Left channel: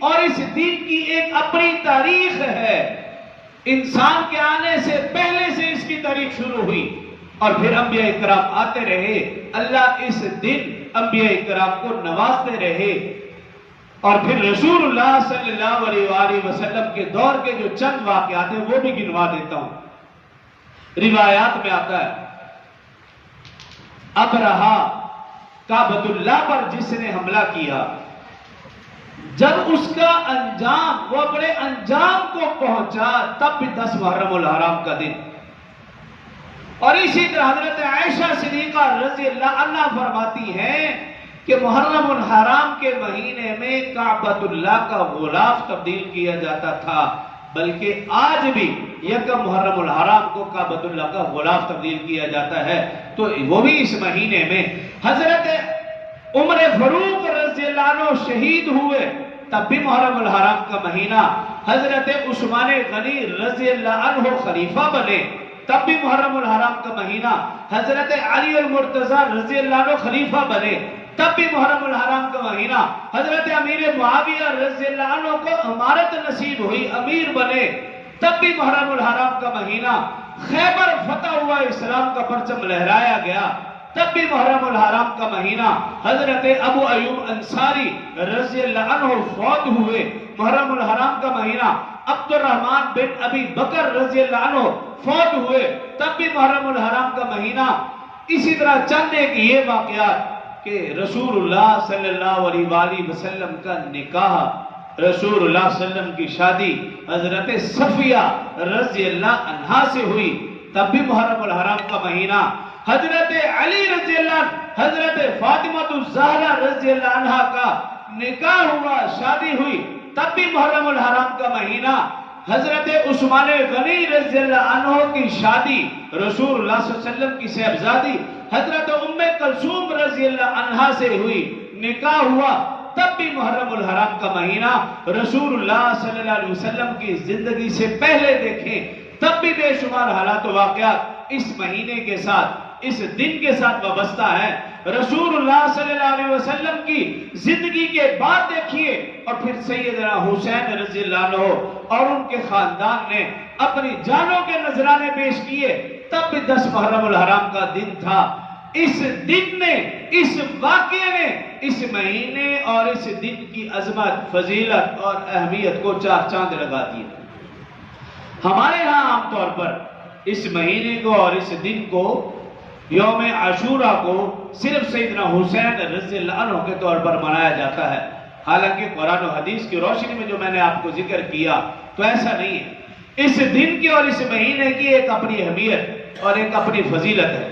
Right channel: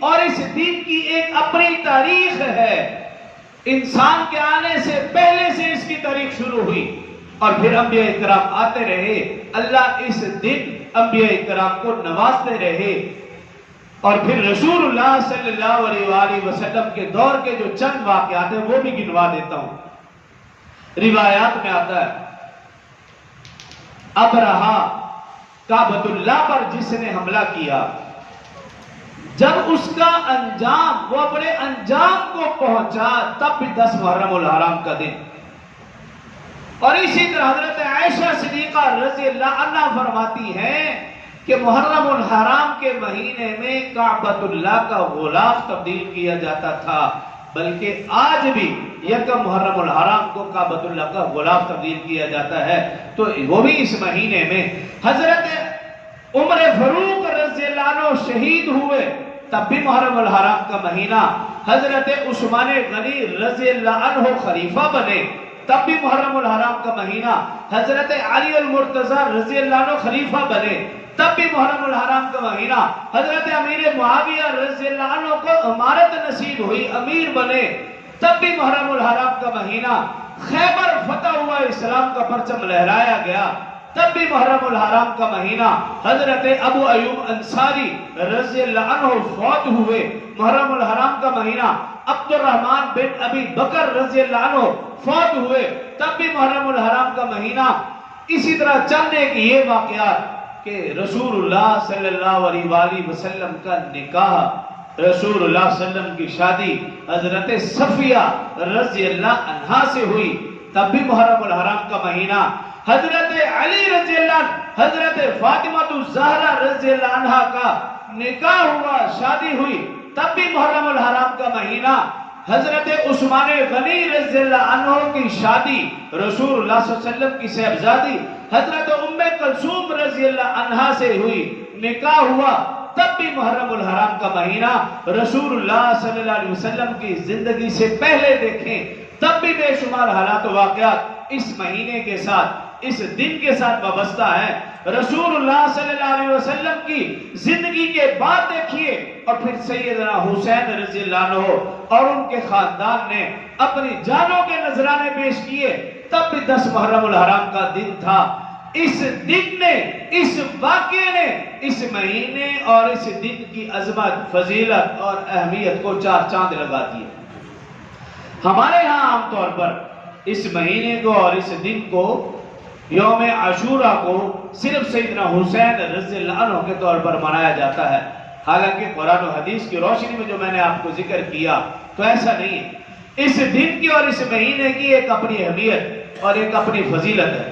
اور اس دین کی ایک اپنی تاریخ ہے. انسان کے آنے سے پہلے سے اس کی تاریخ شروع ہوئی اور پھر انبیاء کرام آتے رہے. اللہ اس دن انبیاء کرام کو نوازتے رہے. اور پھر رسول اللہ صلی اللہ علیہ وآلہ وسلم کے دور کے جو چند واقعات ہیں وہ بھی گنوا دیتا ہوں. روایات میں آتا ہے ابرہا کعبۃ اللہ پر جس نے حملہ کیا، جب اس کا انجام وہ اپنے انجام کو پہنچا تب بھی 10 محرم الحرام کا دن. اور اسی طرح حضرت عائشہ صدیقہ رضی اللہ عنہا فرماتی ہیں کہ محرم الحرام کے مہینے میں کعبۃ اللہ کا غلاف تبدیل کیا جاتا تھا، بلکہ آج بھی یکم محرم الحرام کو کعبۃ اللہ کا غلاف تبدیل کیا جاتا ہے. تو وہ بھی اس مہینے میں حضرت عمر فاروق رضی اللہ عنہ شہید ہوئے تب بھی محرم الحرام کا مہینہ. حضرت عثمان غنی رضی اللہ عنہ خلیفہ بنے تب بھی محرم الحرام کا مہینہ. حضرت علی المرتضی رضی اللہ عنہ خلیفہ بنے تب بھی محرم الحرام کا مہینہ. حضرت امیر معاویہ رضی اللہ عنہ کو امارت نصیب ہوئی، امیر بنے تب بھی محرم الحرام کا مہینہ. خیبر فتح ہوا، اسلام کا پرچم لہرایا گیا تب بھی محرم الحرام کا مہینہ. حضرت ابو ایوب انصاری رضی اللہ عنہ فوت ہوئے، محرم الحرام کا مہینہ. عبد الرحمن بن ابی بکر رضی اللہ عنہ فوت ہوئے تب بھی محرم الحرام کا مہینہ. اسی طرح چند ایک یہ واقعات کہ رسول اللہ صلی اللہ علیہ وآلہ وسلم کا نکاح، رسول اللہ صلی اللہ علیہ وسلم کی شادی حضرت صفیہ رضی اللہ عنہا سے ہوئی تب بھی محرم الحرام کا مہینہ. حضرت علی رضی اللہ عنہ، حضرت فاطمہ الزہرا رضی اللہ عنہا کا نکاح ہوا، شادی ہوئی تب بھی محرم الحرام کا مہینہ. حضرت عثمان غنی رضی اللہ عنہ کی شادی رسول اللہ صلی اللہ علیہ وسلم کی صاحبزادی حضرت ام کلثوم رضی اللہ عنہا سے ہوئی، نکاح ہوا تب بھی محرم الحرام کا مہینہ. رسول اللہ صلی اللہ علیہ وسلم کی زندگی سے پہلے دیکھیں تب بھی بے شمار حالات و واقعات اس مہینے کے ساتھ، اس دن کے ساتھ وابستہ ہے. رسول اللہ صلی اللہ علیہ وسلم کی زندگی کے بعد دیکھیے اور پھر سیدنا حسین رضی اللہ عنہ اور ان کے خاندان نے اپنی جانوں کے نذرانے پیش کیے تب بھی 10 محرم الحرام کا دن تھا. اس دن نے، اس واقعے نے اس مہینے اور اس دن کی عظمت، فضیلت اور اہمیت کو 4 چاند لگا دیے. ہمارے ہاں عام طور پر اس مہینے کو اور اس دن کو، یوم عاشورہ کو، صرف سیدنا حسین رضی اللہ عنہ کے طور پر منایا جاتا ہے. حالانکہ قرآن و حدیث کی روشنی میں جو میں نے آپ کو ذکر کیا تو ایسا نہیں ہے. اس دن کی اور اس مہینے کی ایک اپنی اہمیت اور ایک اپنی فضیلت ہے.